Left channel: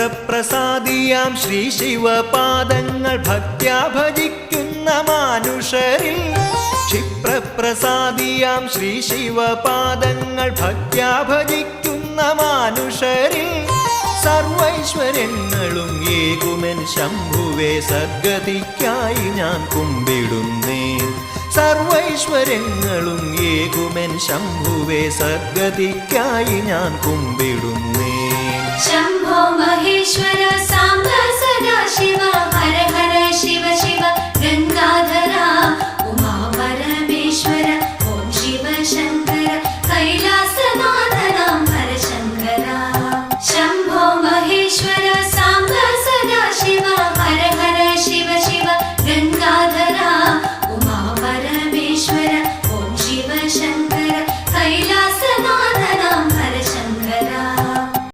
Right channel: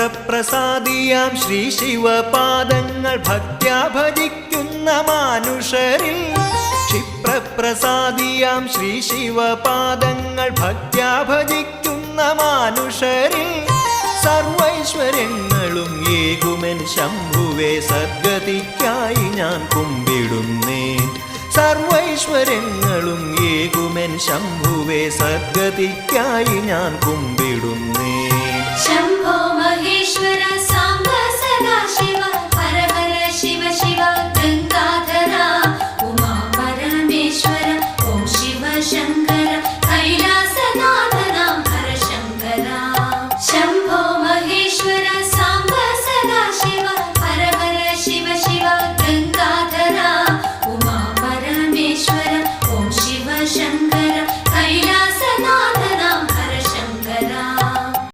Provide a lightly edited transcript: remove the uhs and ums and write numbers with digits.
ക്ഷിപ്രപ്രസാദിയാം ശ്രീ ശിവപാദങ്ങൾ ഭക്ത്യാ ഭജിക്കുന്ന മാനുഷരിൽ ക്ഷിപ്രപ്രസാദിയാം ശ്രീ ശിവപാദങ്ങൾ ഭക്ത്യാ ഭജിക്കുന്ന മാനുഷരിൽ സർവൈശ്വര്യങ്ങളും ഏകുമെൻ ശംഭുവേ സദ്ഗതിക്കായി ഞാൻ കുമ്പിടുന്നേൻ സർവൈശ്വര്യങ്ങളും ഏകുമെൻ ശംഭുവേ സദ്ഗതിക്കായി ഞാൻ കുമ്പിടുന്നേൻ